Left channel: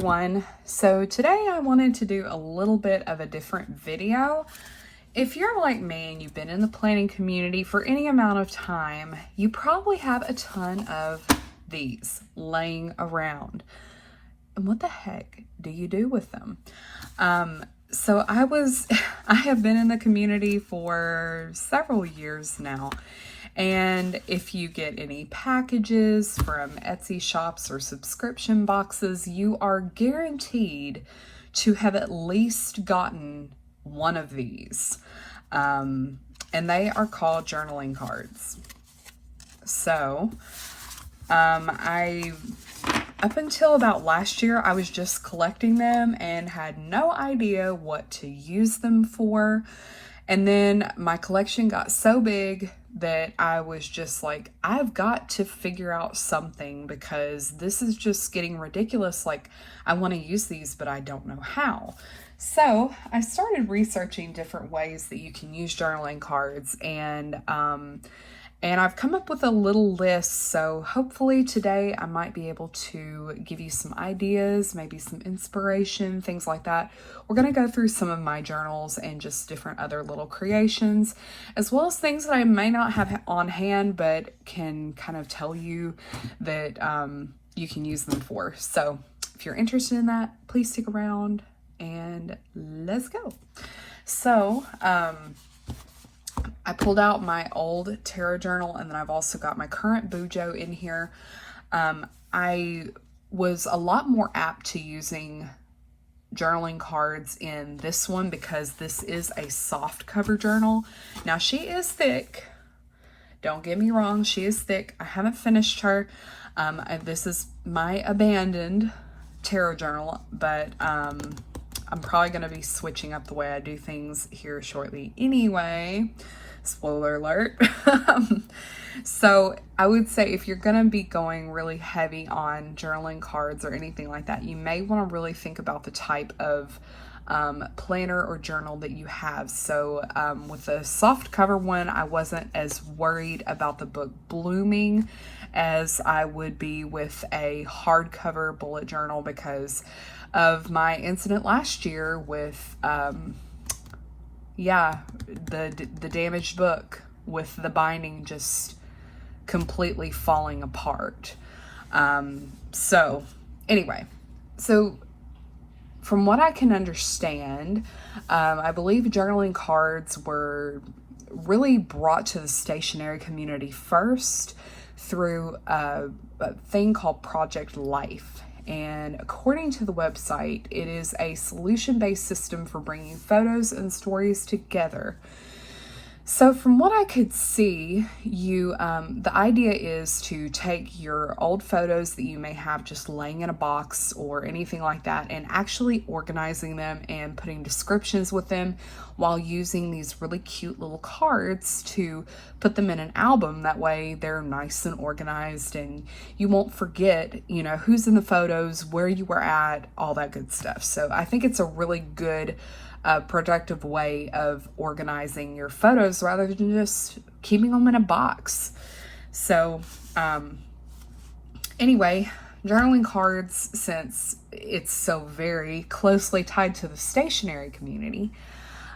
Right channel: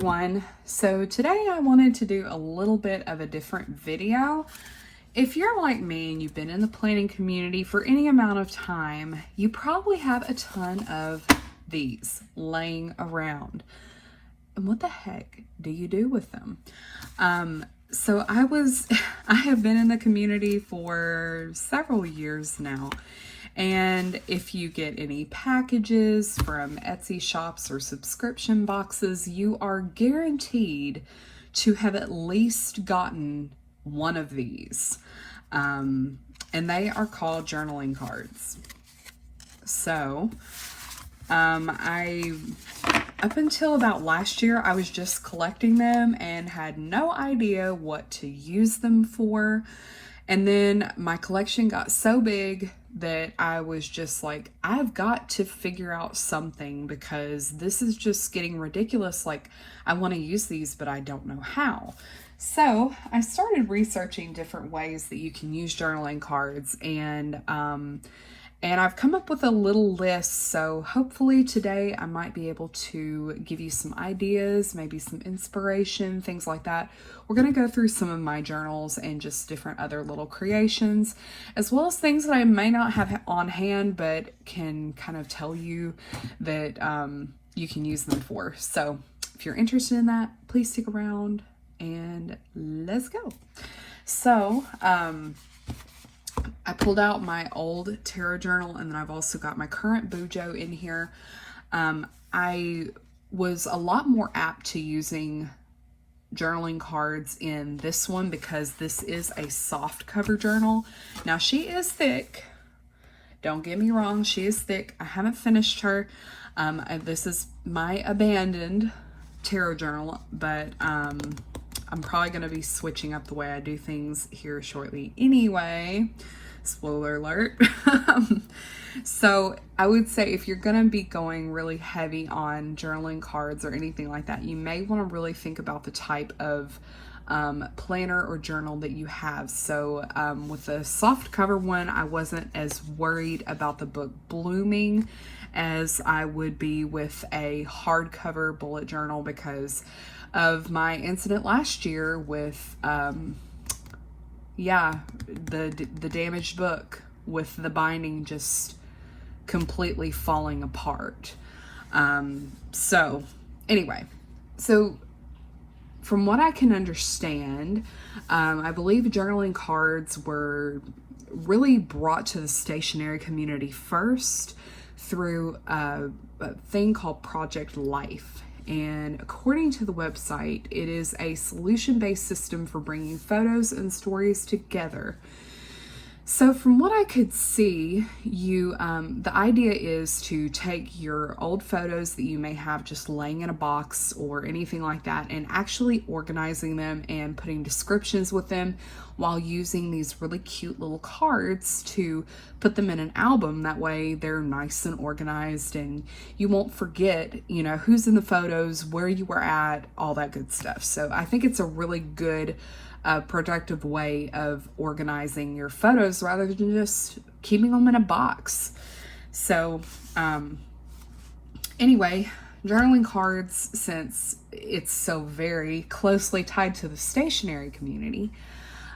everyone. So today I wanted to do a little bit of a different video. If you're like me and you've been in the planning community for any amount of time, you probably have a ton of these laying around. And what the heck do you do with them? So I have been in the community for several years now. And if you get any packages from Etsy shops or subscription boxes, you are guaranteed to have at least gotten one of these. And they are called journaling cards. So, up until about last year, I was just collecting them and had no idea what to use them for. And then my collection got so big that I was just like, I've got to figure out something because this is just getting ridiculous. Like, I want to use these, but I don't know how. So I started researching different ways that you can use journaling cards, and I've come up with a little list. So hopefully today I might be able to give you some ideas, maybe some inspiration, things like that. We're going to go through some of my journals and just different other little creations, as well as things that I may not have on hand, but can kind of tell you that you can use them for. So if you're interested in that, please stick around and let's go. So I pulled out my old tarot journal, and then I've also got my current Bujo in here. I was a lot more apt to using journaling cards in this one because this is a soft cover journal. Now she is thick, don't get me wrong, she is thick. I haven't finished her. And this is my abandoned tarot journal, but I'm probably going to be switching up the way I do things here shortly anyway. Spoiler alert. So I would say if you're going to be going really heavy on journaling cards or anything like that, you may want to really think about the type of planner or journal that you have. So with the soft cover one, I wasn't as worried about the book blooming as I would be with a hardcover bullet journal because of my incident last year with the damaged book with the binding just completely falling apart. So anyway, so from what I can understand, I believe journaling cards were really brought to the stationery community first through a thing called Project Life. And according to the website, it is a solution-based system for bringing photos and stories together. So from what I could see, the idea is to take your old photos that you may have just laying in a box or anything like that and actually organizing them and putting descriptions with them while using these really cute little cards to put them in an album. That way they're nice and organized and you won't forget, who's in the photos, where you were at, all that good stuff. So I think it's a really good productive way of organizing your photos rather than just keeping them in a box. So anyway, journaling cards, since it's so very closely tied to the stationery community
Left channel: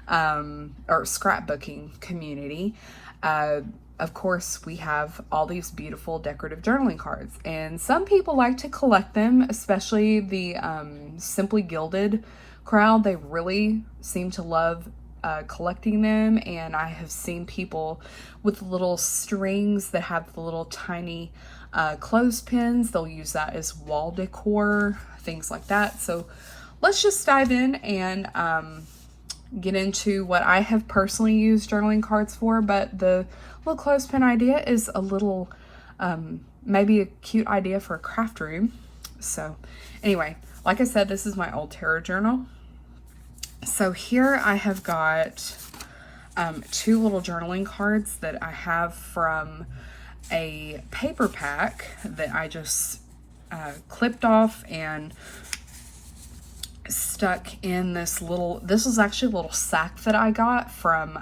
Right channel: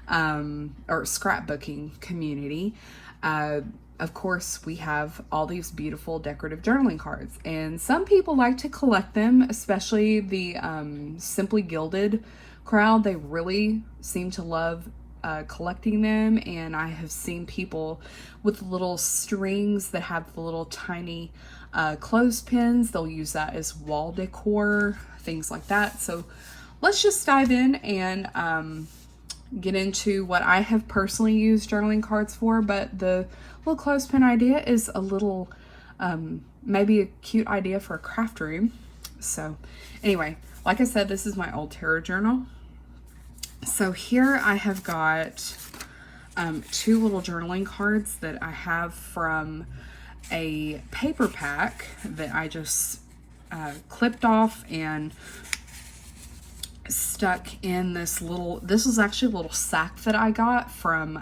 or scrapbooking community, of course we have all these beautiful decorative journaling cards, and some people like to collect them, especially the Simply Gilded crowd. They really seem to love collecting them, and I have seen people with little strings that have the little tiny clothespins. They'll use that as wall decor, things like that. So let's just dive in and get into what I have personally used journaling cards for. But the little clothespin idea is a little maybe a cute idea for a craft room. So anyway, like I said, this is my old tarot journal. So here I have got two little journaling cards that I have from a paper pack that I just clipped off and stuck in this is actually a little sack that I got from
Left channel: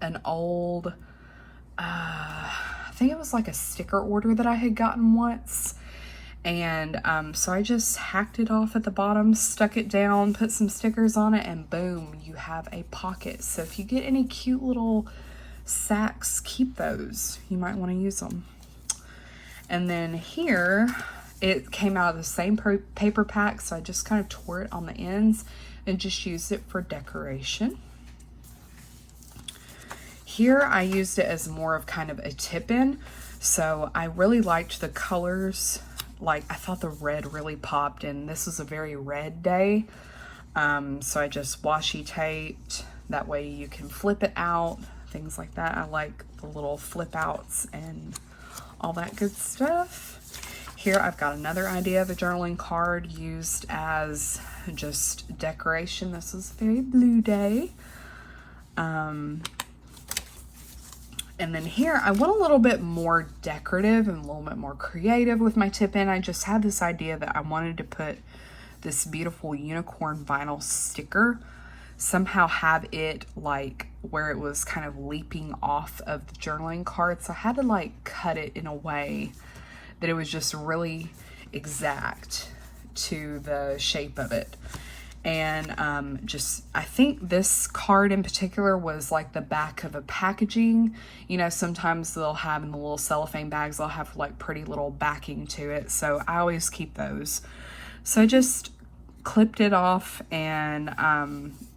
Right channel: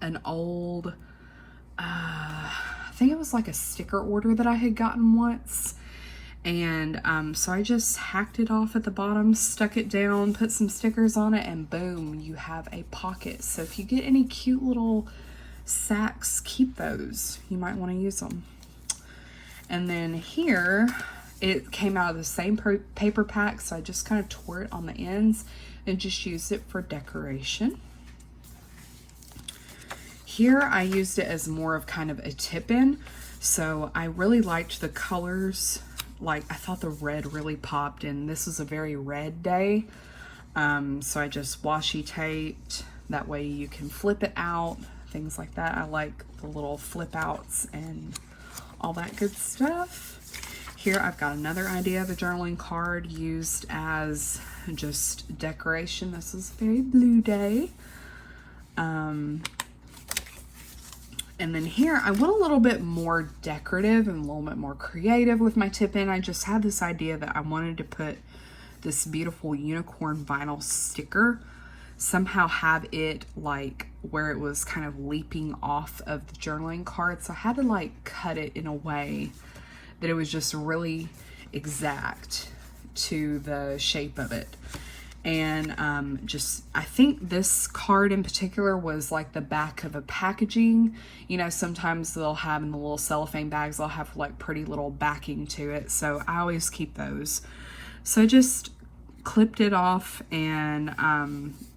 an old, I think it was like a sticker order that I had gotten once. And so I just hacked it off at the bottom, stuck it down, put some stickers on it, and boom, you have a pocket. So if you get any cute little sacks, keep those. You might want to use them. And then here, it came out of the same paper pack, so I just kind of tore it on the ends and just used it for decoration. Here I used it as more of kind of a tip-in, so I really liked the colors. Like, I thought the red really popped, and this was a very red day. So I just washi taped. That way you can flip it out, things like that. I like the little flip outs and all that good stuff. Here I've got another idea of a journaling card used as just decoration. This is a very blue day. And then here, I went a little bit more decorative and a little bit more creative with my tip-in. I just had this idea that I wanted to put this beautiful unicorn vinyl sticker, somehow have it like where it was kind of leaping off of the journaling card. So I had to like cut it in a way that it was just really exact to the shape of it. And I think this card in particular was like the back of a packaging. You know, sometimes they'll have in the little cellophane bags, they'll have like pretty little backing to it. So I always keep those. So I just clipped it off and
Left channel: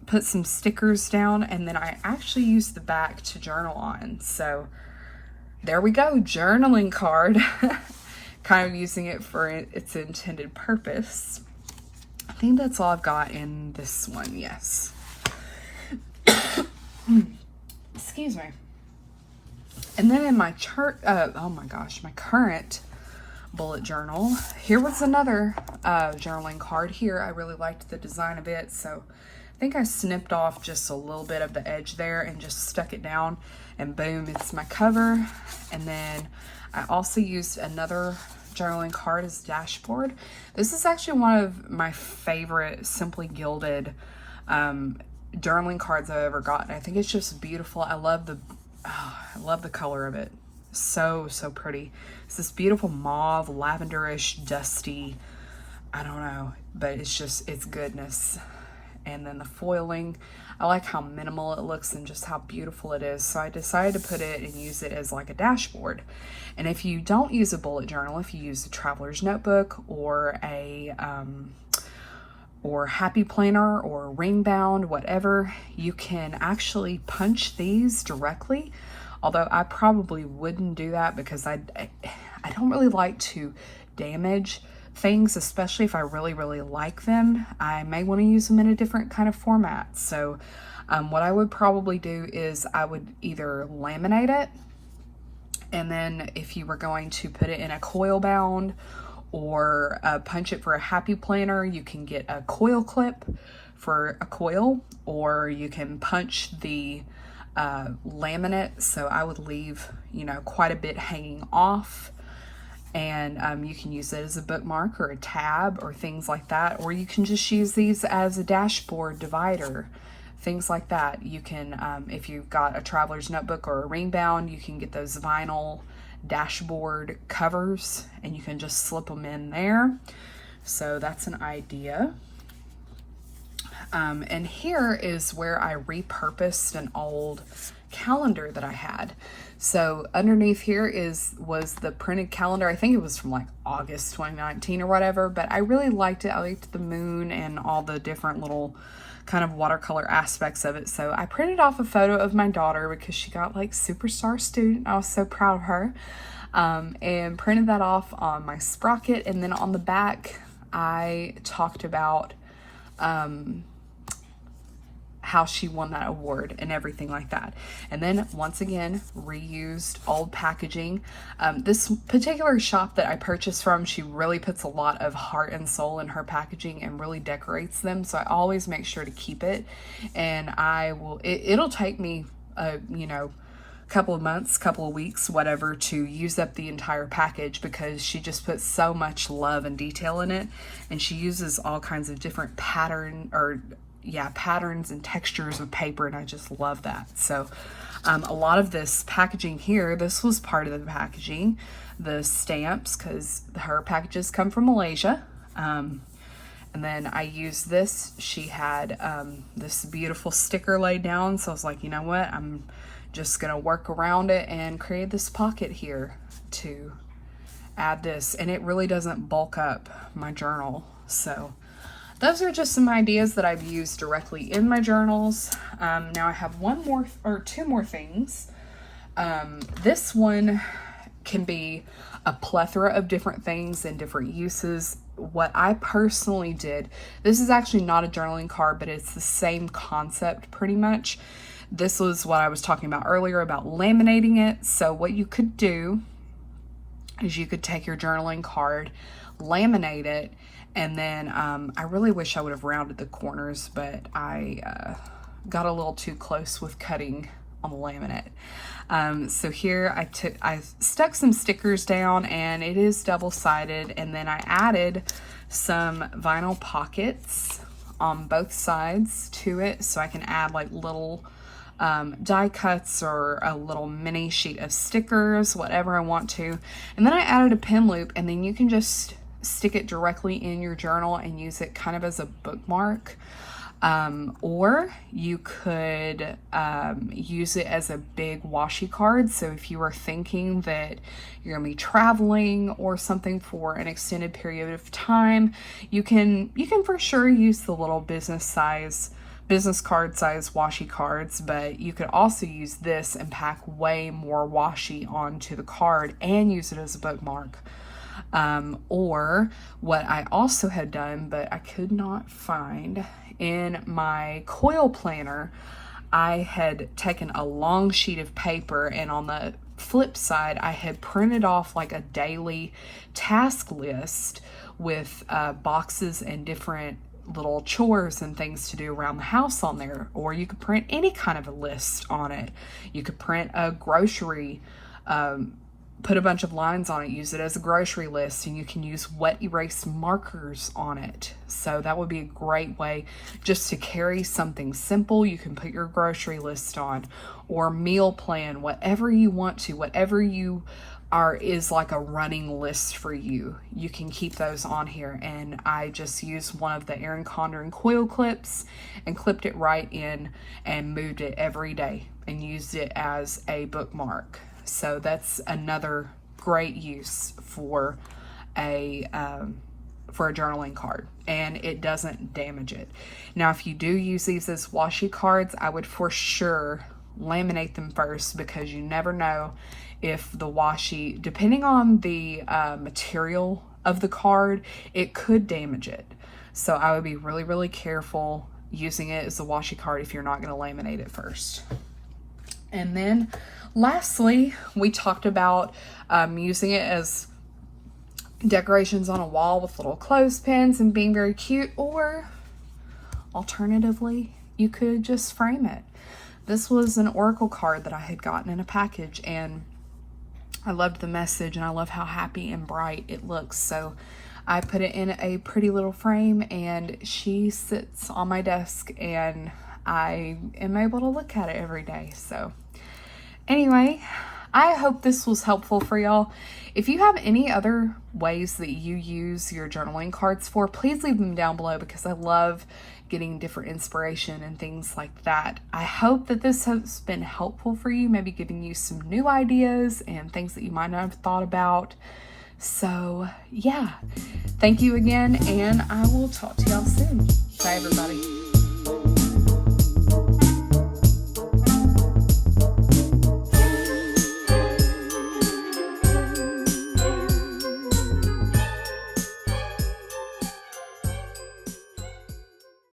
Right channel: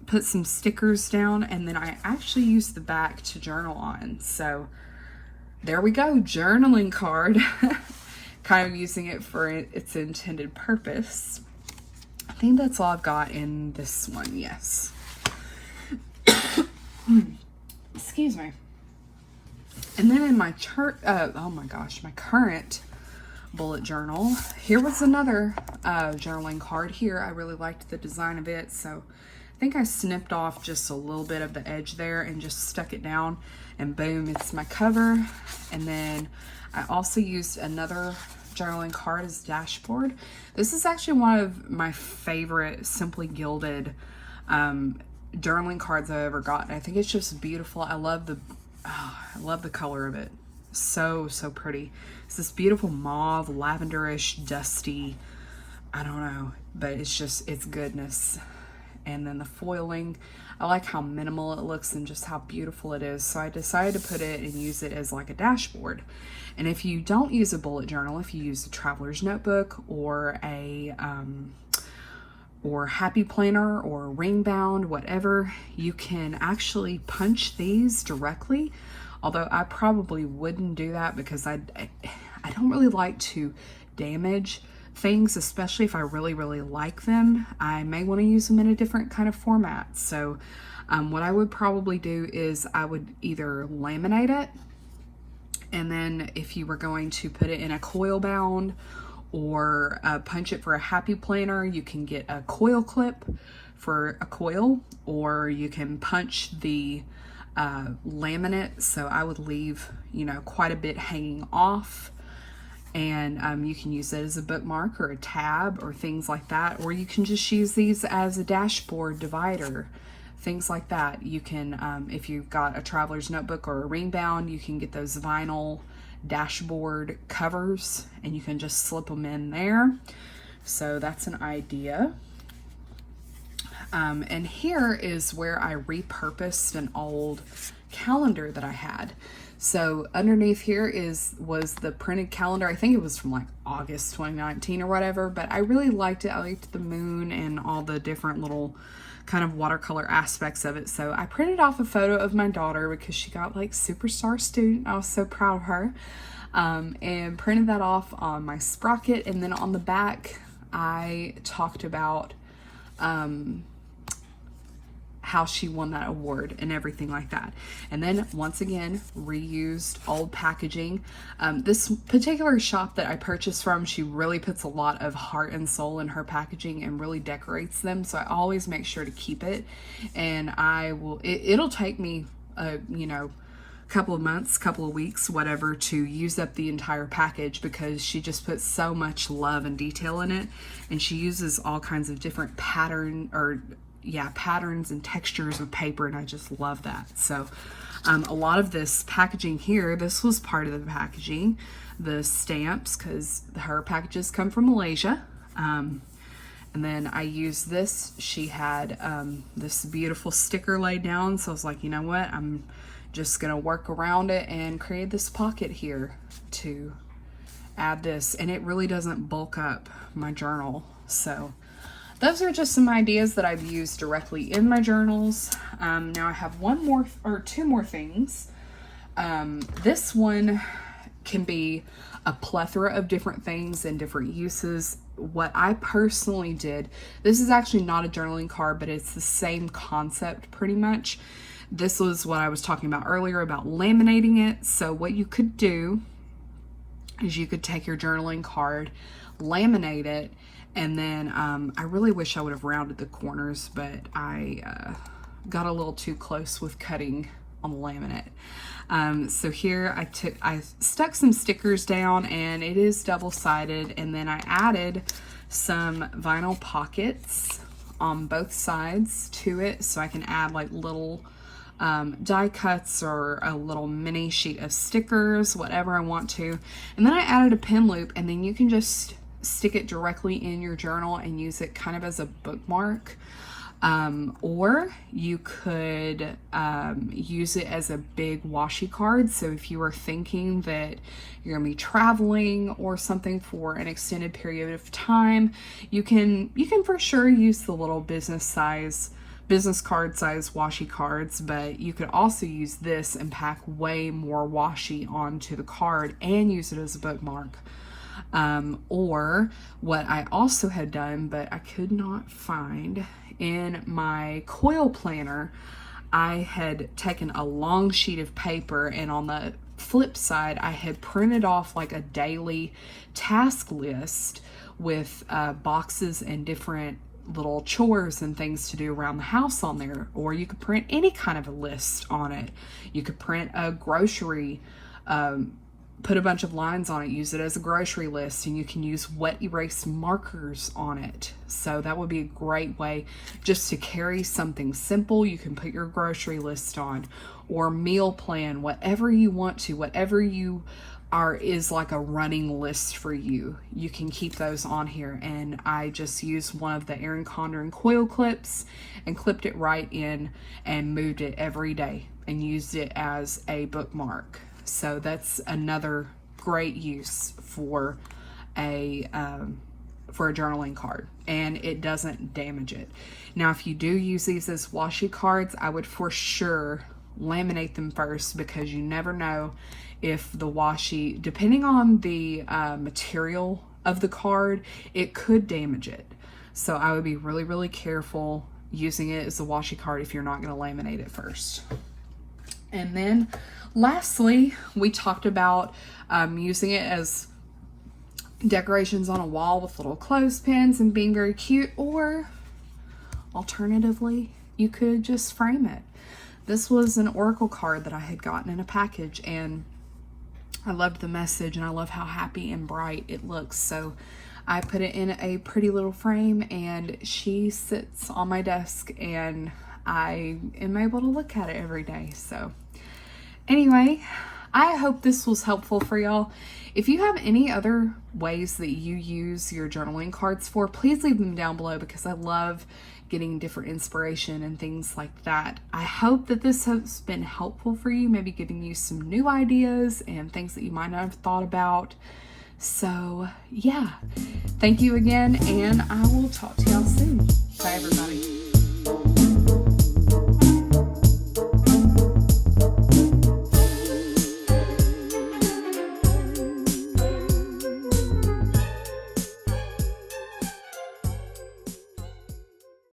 put some stickers down, and then I actually used the back to journal on. So there we go, journaling card. Kind of using it for its intended purpose. I think that's all I've got in this one, yes. Excuse me. And then in my my current bullet journal, here was another journaling card here. I really liked the design of it, so I think I snipped off just a little bit of the edge there and just stuck it down, and boom, it's my cover. And then I also used another journaling card as dashboard. This is actually one of my favorite Simply Gilded journaling cards I've ever gotten. I think it's just beautiful. I love the color of it. So pretty. It's this beautiful mauve, lavenderish, dusty, I don't know, but it's goodness. And then the foiling, I like how minimal it looks and just how beautiful it is. So I decided to put it and use it as like a dashboard. And if you don't use a bullet journal, if you use a traveler's notebook or a happy planner or ring bound, whatever, you can actually punch these directly. Although I probably wouldn't do that because I don't really like to damage things, especially if I really like them. I may want to use them in a different kind of format. So what I would probably do is I would either laminate it, and then if you were going to put it in a coil bound or punch it for a happy planner, you can get a coil clip for a coil, or you can punch the laminate. So I would leave, quite a bit hanging off, and you can use it as a bookmark or a tab or things like that, or you can just use these as a dashboard divider, things like that. You can, if you've got a traveler's notebook or a ring bound, you can get those vinyl dashboard covers and you can just slip them in there. So that's an idea. And here is where I repurposed an old calendar that I had. So underneath here was the printed calendar. I think it was from like August 2019 or whatever, but I really liked it. I liked the moon and all the different little kind of watercolor aspects of it. So I printed off a photo of my daughter because she got like superstar student. I was so proud of her. And printed that off on my sprocket. And then on the back, I talked about how she won that award and everything like that. And then once again, reused old packaging. This particular shop that I purchased from, she really puts a lot of heart and soul in her packaging and really decorates them. So I always make sure to keep it. And it'll take me, couple of months, couple of weeks, whatever, to use up the entire package because she just puts so much love and detail in it. And she uses all kinds of different patterns and textures of paper, and I just love that. So a lot of this packaging here, this was part of the packaging, the stamps because her packages come from Malaysia. And then I used this. She had this beautiful sticker laid down, so I was like, you know what, I'm just gonna work around it and create this pocket here to add this, and it really doesn't bulk up my journal. So those are just some ideas that I've used directly in my journals. Now I have two more things. This one can be a plethora of different things and different uses. What I personally did, this is actually not a journaling card, but it's the same concept pretty much. This was what I was talking about earlier about laminating it. So what you could do is you could take your journaling card, laminate it, and then I really wish I would have rounded the corners, but I got a little too close with cutting on the laminate. So here I stuck some stickers down, and it is double-sided, and then I added some vinyl pockets on both sides to it, so I can add like little die cuts or a little mini sheet of stickers, whatever I want to. And then I added a pen loop, and then you can just stick it directly in your journal and use it kind of as a bookmark. Or you could use it as a big washi card. So if you were thinking that you're gonna be traveling or something for an extended period of time, you can for sure use the little business card size washi cards, but you could also use this and pack way more washi onto the card and use it as a bookmark. Or what I also had done, but I could not find in my coil planner, I had taken a long sheet of paper, and on the flip side, I had printed off like a daily task list with boxes and different little chores and things to do around the house on there. Or you could print any kind of a list on it. You could print a grocery, put a bunch of lines on it, use it as a grocery list, and you can use wet erase markers on it. So that would be a great way just to carry something simple. You can put your grocery list on, or meal plan, whatever you want to, whatever you is like a running list for you. You can keep those on here. And I just used one of the Erin Condren coil clips and clipped it right in and moved it every day and used it as a bookmark. So that's another great use for a journaling card, and it doesn't damage it. Now, if you do use these as washi cards, I would for sure laminate them first, because you never know if the washi, depending on the material of the card, it could damage it. So I would be really, really careful using it as a washi card if you're not going to laminate it first. And then lastly, we talked about using it as decorations on a wall with little clothespins and being very cute, or alternatively, you could just frame it. This was an oracle card that I had gotten in a package, and I loved the message, and I love how happy and bright it looks. So I put it in a pretty little frame, and she sits on my desk, and I am able to look at it every day. So anyway, I hope this was helpful for y'all. If you have any other ways that you use your journaling cards for, please leave them down below, because I love getting different inspiration and things like that. I hope that this has been helpful for you, maybe giving you some new ideas and things that you might not have thought about. So yeah, thank you again, and I will talk to y'all soon. Bye everybody.